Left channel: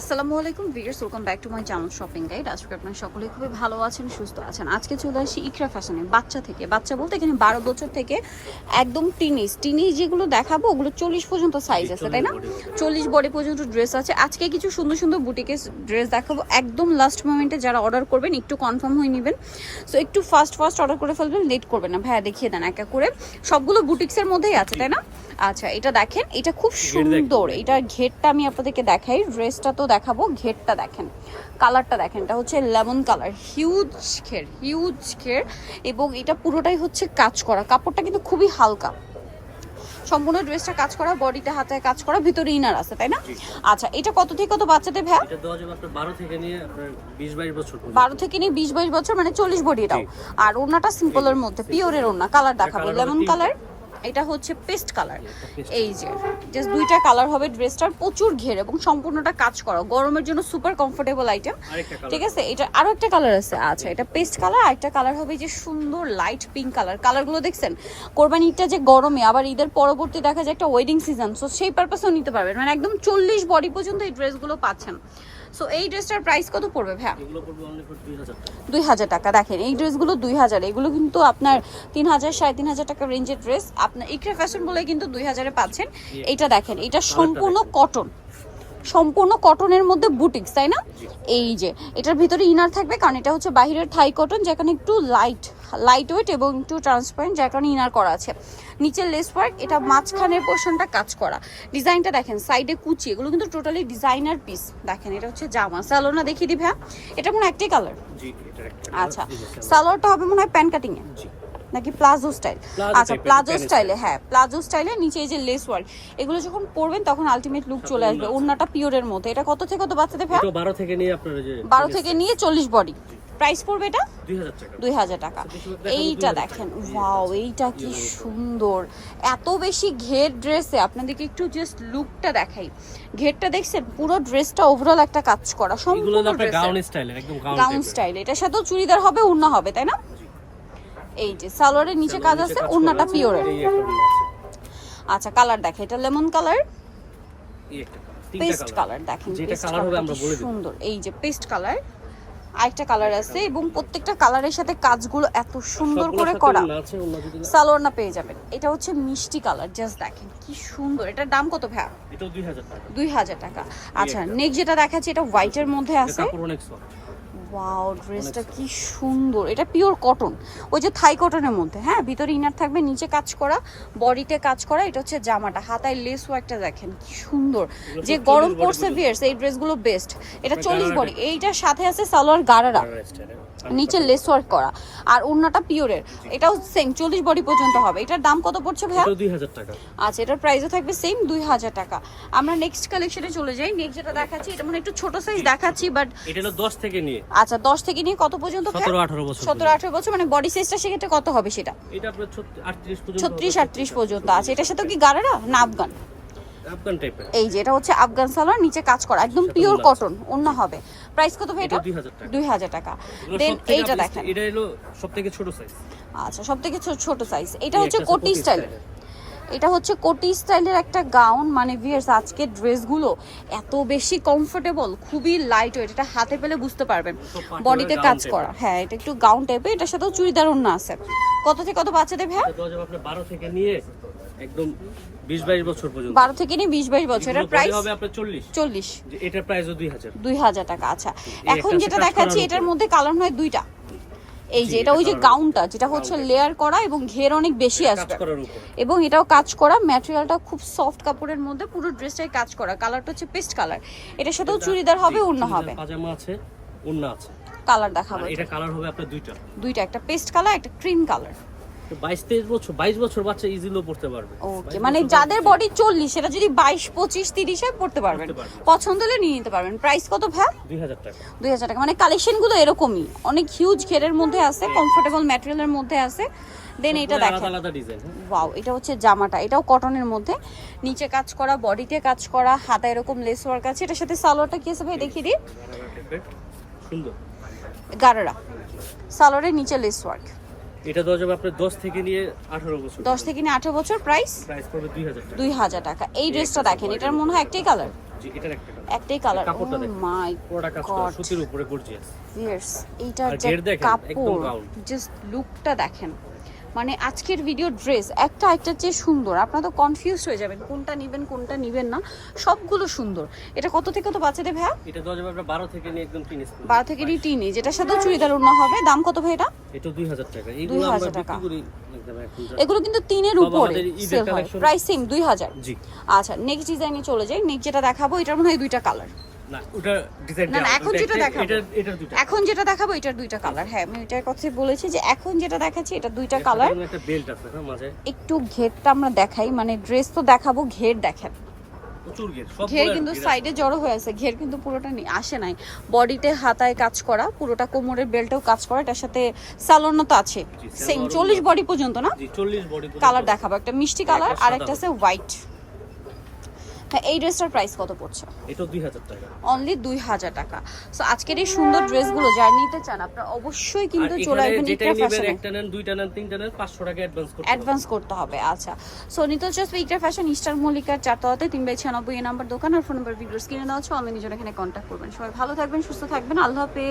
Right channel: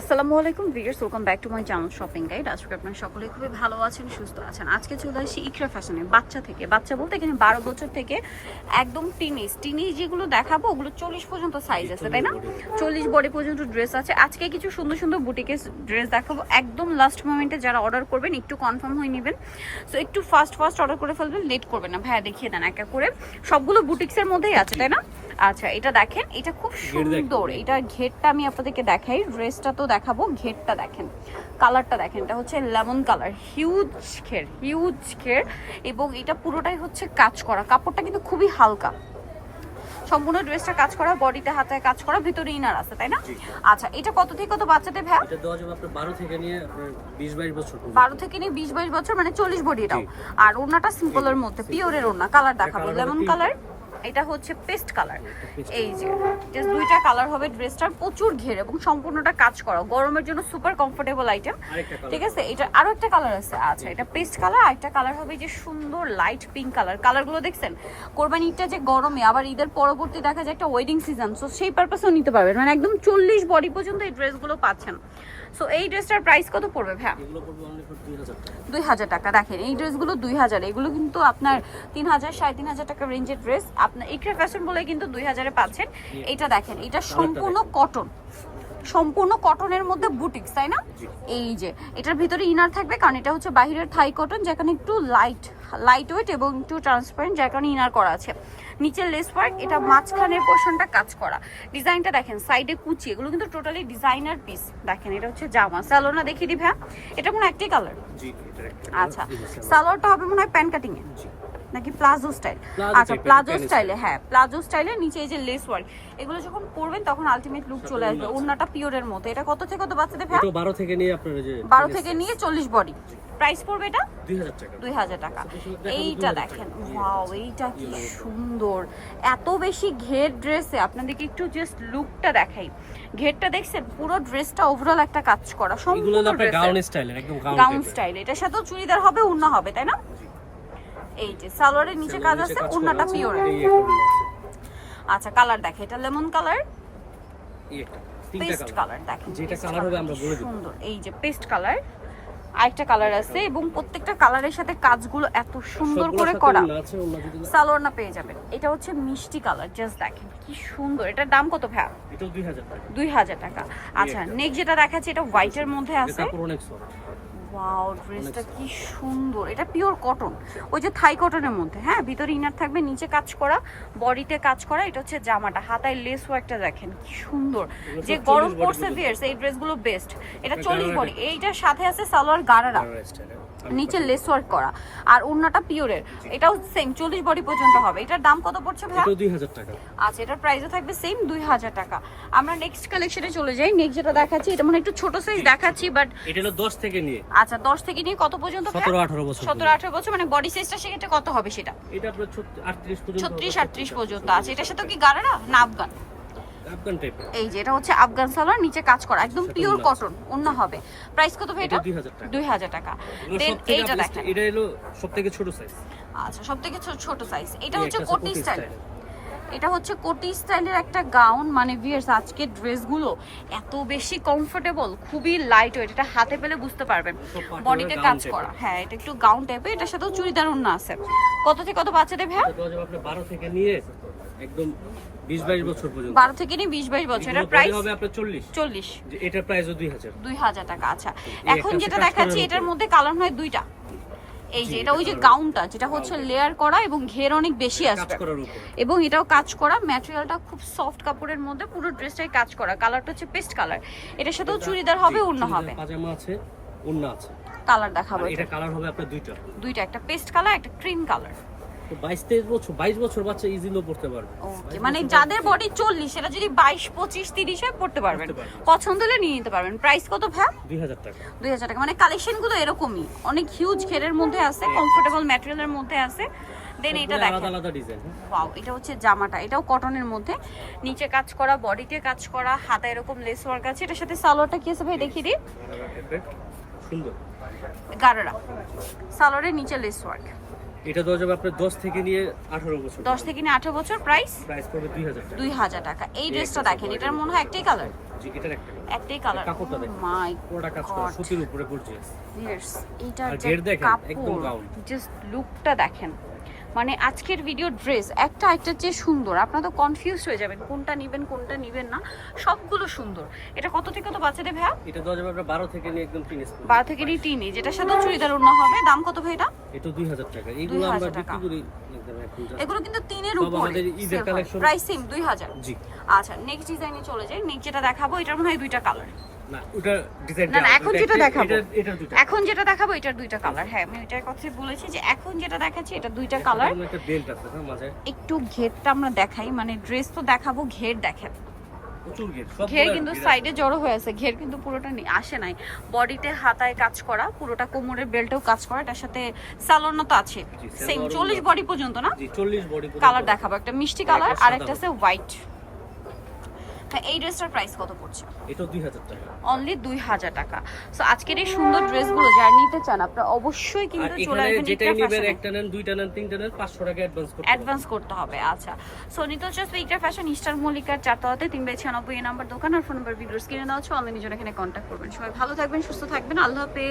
আসসালামু আলাইকুম viewers welcome back to my channel shopping guide. আজকে আপনারা সকলেই খুবই ভালো আছেন সুস্থ আছেন। আজকে চলে আসি ইকরা ফ্যাশনে বাচ্চা থেকে। বাচ্চা বলতে এখানে বারো বছর থেকে একদম টিনিস টিনিস যেগুলো দেখাবো ওগুলো চল্লিশ পর্যন্ত সাইজ আছে তাই না? চল্লিশ বডি পর্যন্ত। ড্রেস আছে। আজকে কিছু সুন্দর সুন্দর বুটিকের ড্রেস দেখাবো। একদম লাস্ট মোমেন্টে যারা অর্ডার করবেন একটু কনফার্ম হয়ে নেবেন। সো একটু ফাস্ট ফাস্ট অর্ডার করে ফেলবেন লেট করবেন না। ভাইয়া দেখিয়ে দেন একা করে। সবগুলো বুটিক্সের মধ্যেই আছে তাই না? আচ্ছা এটা দেখেন এটা খুব সুন্দর। এটার ঘেরটা আমি আপনাদেরকে দেখাই ড্রেসটা তো দেখাবো ঘেরটা দেখেন কালারটা দেখেন এটা হচ্ছে লেমন কালার হিউজ ঘের হিউজ ঘের এবং এটা পুরোটাই হচ্ছে কাজ করা কাপড়টা কিন্তু খুবই হালকা। সম্পূর্ণ ড্রেসটা কাজ করা বডিটা হাতে কাজ করা ভিতরে ইনার আছে তাই না? আচ্ছা এটা কত থেকে কত বাচ্চাদের ভ্যা এটা দেওয়া যাবে আপনার বারো থেকে নিয়ে আপনার বিশ বাইশ বছর পর্যন্ত। বারো থেকে নিয়ে বিশ বাইশ বছর মানে চল্লিশ বডি এটাও। আর ওড়নাটা সিম্পলের মধ্যে পিওরের ওড়না কালার দেখাবো লেমন কালার। এটা হচ্ছে পেস্ট কালার। এই যে জাস্ট দুইটা কালার হবে ড্রেসটার প্রচুর ঘের এবং সম্পূর্ণটা কাজ করা। গরমের জন্য সুপার কমফোর্টেবল আইটেম ঠিক আছে? এটা আরও একটা কালার আছে। আচ্ছা এটা পেস্ট কালার আর একটা কালার হবে যে সুন্দর লাইট পিঙ্ক কালার কালারগুলো দেখছেন? কোরবানি ঈদটা যে গরমে আবার ঈদের পরবর্তী দেখা যায় একটা ওয়েডিং সিজন সো সেই পারপাসেও নিতে পারবেন। মানে একদম চল্লিশ বডি পর্যন্ত এই ড্রেসগুলো পাচ্ছেন। সো এই ড্রেসটার প্রাইস কত পড়বে ভাই এগুলো পড়বে অনলি ফর দুই হাজার টাকা। দেখেন এই ড্রেসগুলো দুই হাজার। এগুলো কিন্তু আপনার তিন হাজার সাড়ে তিন হাজার টাকা রেঞ্জের ড্রেস আপনার ইকরা ফ্যাশন বলে কিন্তু দুই হাজারে পাচ্ছেন। এটা দেখেন এটা সম্পূর্ণ কটন সম্পূর্ণ কটনের মধ্যে বুটিক্স তাই না? এই যে এটার ভিতরে ইনার থাকবে কারণ এটা হচ্ছে বাহিরের থাই কটন যেখানে একটু লাইট লাইট ওয়েট এবং একটু ট্রান্সপারেন্ট যার কারণে ইনার করা আছে। নিচের লেস ওয়ার্ক এটা মাঝখানের পোর্শনটা কাজ করা। ডিজাইনটা দেখেন সাইডে কুচি এগুলো কিন্তু টোটালি ডিজাইনার পিস দেখেন এটা হচ্ছে জামা। স্যালোনা দেখিয়ে দিই ভ্যা এটা মনে হয় একটাই কালার আচ্ছা সালোয়ারটা হবে মনে হয় প্যান কাটিং এ জি। নাকি প্লাজো স্টাইল? আচ্ছা প্লাজো স্টাইলে হ্যাঁ প্লাজো স্টাইলে নিচে এই যে লেস ওয়ার্ক এগুলো যখন পরবেন তখন আলটিমেট লুক চলে আসবে। ওড়নাটা পিওরের মধ্যে এটা কত থেকে কত বাচ্চাদের এটা বারো থেকে নিয়ে আপনার যে বারো থেকে নিয়ে চল্লিশ বডি প্রাইস পড়বে এটা? দুই হাজার টাকা। দুই হাজার টাকা। এইটা দেখেন। ওয়াও এইটা কি সুন্দর। এত বেশি ঘের ড্রেসে আপনাদেরকে একটু জাস্ট লুকটা দেখাই। ঘেরটা দেখছেন? পুরো ড্রেসটা ওভারঅল একটা কাজ করা। সম্পূর্ণ গাউন স্টাইলের একদম গাউন গাউন স্টাইল এটার সাথেও চুড়িদার হবে ওড়না হবে তাই না? এই যে সালোয়ারের নিচে কাজ আছে ওড়নাটা পিওর আচ্ছা কালার দেখে এটা লেমন কালার পেস্ট কালার দেখেন যেটা কালার হবে আমরা বলে দিব। সুন্দর। এই যে পেস্ট কালার আরেকটা কালার আছে এবং প্রত্যেকটা কালারের সাথে কাজগুলো এত সুন্দর করে করা। সালোয়ার না পেয়ে যাবেন। এটা হচ্ছে মিষ্টি কালার জাস্ট দেখেন কি সুন্দর। এটার দাম কত ভাই দুই হাজার টাকা। দুই হাজার টাকা। আচ্ছা নেক্সট যেটা দেখাচ্ছে এটা হোয়াইটের মধ্যে আছে। কাপড় অনেক সফট ওয়াও ড্রেসটা কি সুন্দর। এটা পিওর কটন ওই যে থাই কটনের মধ্যে হ্যাঁ? ভিতরে ইনার থাকবে নিচে কাজ করা বডিতে কাজ করা এটা হচ্ছে জামাটা। হাতায় লেস ওয়ার্কটা দেখেন কি সুন্দর। যে গরম পড়ছে। ভিয়ার্স এই ড্রেসগুলো বেস্ট এটা চল্লিশ বডি এইটার সাথে আছে সালোয়ার গারারা। নিচে লেস ওয়ার্ক করা। আর ওড়নাটা পিওরের এটাও সেম চল্লিশ বডি পর্যন্ত হবে। এটার দাম কত পড়ছে ভাইয়া? এটাও দুই হাজার টাকা। আচ্ছা এটার প্রাইসও থাকবে সেম দুই হাজার টাকা। আমরা নেক্সট কালেকশনে চলে যাই। নেক্সট যেটা দেখাচ্ছি এটা মানে একটু ছোট সাইজ দেখাচ্ছি বাট এটা হলো দশ থেকে নিয়ে। আচ্ছা দশ থেকে নিয়ে কত পর্যন্ত সতেরো আঠারো বছর সতেরো আঠারো বছর মানে বডি সাইজটা সেক্ষেত্রে কত হবে সেটা? এটা আপনার আটত্রিশ পর্যন্ত ছত্রিশ হবে, আটত্রিশ পর্যন্ত। আছে এটার সাথে কি গারারা না? আফগান। আফগান টাইপের এই যে এটা হচ্ছে আফগান সালোয়ার নিচে কাজ করা একদম পিওর। কটন অন্য হবে। প্রাইস কত ভাই এটা এটা দুই হাজার টাকা। দুই হাজার টাকা। এগুলো দেন সবথেকে এইটা আপনি- দেখেন। এটা হলো সব থেকে ছোট সাইজ আচ্ছা সব থেকে ছোট সাইজ এটা হচ্ছে কোটি স্টাইল। এটা হচ্ছে কোটি স্টাইলের একটা গাউন। মানে ভিয়ার্স আজকের ড্রেসগুলো এত বেশি কমফোর্টেবল খুবই লাইট ওয়েট এটা হাতে পেলে বুঝতে পারবেন। বডিতে কাজ করা। হ্যাঁ এটা একটু গাউন টাইপের এটার সাথেও চুড়িদার অন্য আছে। কত থেকে কত বাচ্চাদের ভাই বারো থেকে নিয়ে একদম বিশ বাইশ বছর পর্যন্ত। বারো থেকে নিয়ে বিশ বাইশ বছর এটার এগুলো প্রাইস হবে আপনার চল্লিশ। চল্লিশ। যে এটার প্রাইসও দুই হাজার। দুই হাজার টাকা আচ্ছা। এখন যেটা দেখাচ্ছি এটার মধ্যে কালার হয় দুইটা। এই যে এটা ওই যে গাউনটা যেটা হচ্ছে লেয়ার করা এবং ঘের অনেক বেশি আছে আসবে। এবং এটাও কাজ করা ম্যাটেরিয়ালটা খুব সফট কাপড়ের মধ্যে পুরো ড্রেসটাই কাজ করা। কালারটা হচ্ছে পেস্ট কালার এটার সাথেও চুড়িদার হবে অন্য হবে। পাজামা আছে অন্য আছে। কালার দেখাবো এটা কালার হবে আপনার দুইটা। দুইটা একটা পেস্ট কালার একটা ক্রিম কালার বাইশ তেইশ বছর বাইশ বছর বাচ্চা ইজিলিও পড়তে পারবে। ওকে মানে যাদের বডি চল্লিশ সেটা যদি বাইশ পঁচিশ তিরিশ হয় পড়তে পারবেন। পছন্দ হলে নিয়ে নিতে পারবেন। প্রাইস কত ভ্যা দুই হাজার টাকা। দুই হাজার টাকা। মানে কালেকশনগুলো এরকমই। অনেক হিউজ ঘেরের মধ্যে আছে কমফোর্টেবল ম্যাটেরিয়ালের মধ্যে আছে। দেন এটা সবগুলো আলাদা ডিজাইন ওয়াও এটা হচ্ছে জামাটা। এটাও কটনের মধ্যে। নিচে কাজ করা বডিতে কাজ করা হাতা এরকম লেস ওয়ার্ক আছে। এটার সাথে সালোয়ারটা কি আছে ভাই? দেখিয়ে দিই। সুন্দর। গারারা। সালোয়ারের নিচে লেস ওয়ার্ক এটা দেওয়া যাবে আপনার দশ থেকে নিয়ে আঠারো বছর। দশ থেকে নিয়ে আঠারো বছর প্রাইস প্রাইস পড়বে দুই হাজার টাকা। দুই হাজার টাকা। এই ড্রেসটা দেখেন এটার মনে হয় একটাই কালার জি এটার একটা কালার একটাই Oh কালার কাপড়টা দেখেন। মাই পুরোটা কাজ করা সুতির উপরে গর্জিয়াস ইয়েস এইটা দেখেন, একদম জাস্ট লুকটা দেখেন। মানে আজকের ভিডিও ড্রেস একটা একটা চেয়ে সুন্দর। আপনারা তো কনফিউজ হয়ে যাবেন কোনটা নেবেন কোনটা নেবেন না। সবগুলো সুন্দর। এটা কত থেকে তো বাচ্চাদের ভাইয়া? এটা দেওয়া যাবে আপনার বারো থেকে নিয়ে একদম টিনেজ বারো থেকে টিনি যেটার সাথে চুড়িদার ওড়না হবে। দাম কত ভাই এটা? এটা দুই হাজার টাকা। এইগুলো 2000 আমরা টাকা। বিক্রি করি একদম এখন এগুলো কিন্তু তিনের উপরে। প্রাইস সেম দুই হাজার। জি। আচ্ছা নেক্সট ডিজাইনে চলে যাই। নেক্সট যেটা দেখাবো এটার মধ্যে হয় দুইটা কালার না ওটা ডিজাইন না, না, এখন যেটা দেখাবো। এটা এখন যেটা দেখাবো এটার দুইটা কালার হ্যাঁ আমি এটার কথাই বলেছি যে এখন যেটা দেখাচ্ছি এটা দুইটা কালার একটা বেল্ট আছে না মাঝে? একটু ঘেরটা আমরা দেখাই মানে ড্রেস তো দেখাবো ঘের দেখাবো। ঘের কিন্তু সাইডে জড়ো হয়ে আছে ঘের কিন্তু পুরোটা আসে নাই। বডিতে হাতায় কাজ করা পুরোটা কোমরের বেল্টেও কাজ করা এটার সাথে সালোনা তো আছে। সেম চল্লিশ বডি পর্যন্ত না? জি 40 বডি কালার দেখাবো একটা মিষ্টি কালার আর একটা আছে হোয়াইট হ্যাঁ এই ড্রেসটার প্রাইস কত পড়ছে? এটা 2000 টাকা। অনলি দুই হাজার টাকা। সো আজকের এই সুন্দর ড্রেসগুলো যারা নিতে চান আপনারা অবশ্যই কিন্তু চলে আসবেন যেটাই নেবেন একটা নেন দুইটা নেন তিনটা নেন 500 টাকা অ্যাডভান্স করতে হবে। অ্যাডভান্স করতে হবে আচ্ছা। সো নিতে হচ্ছে ইকরা ফ্যাশন ইস্টার মল্লিকার চারতলাতে তিন বাই ছিয়ানব্বই এই নাম্বার দোকান আর ফোন নাম্বার ভিডিওস কিনে দেওয়া হচ্ছে অনলাইনে জন্য এখানে কন্ট্যাক্ট করবেন। সবাই ভালো থাকবেন সুস্থ থাকবেন আল্লাহ হাফেজ।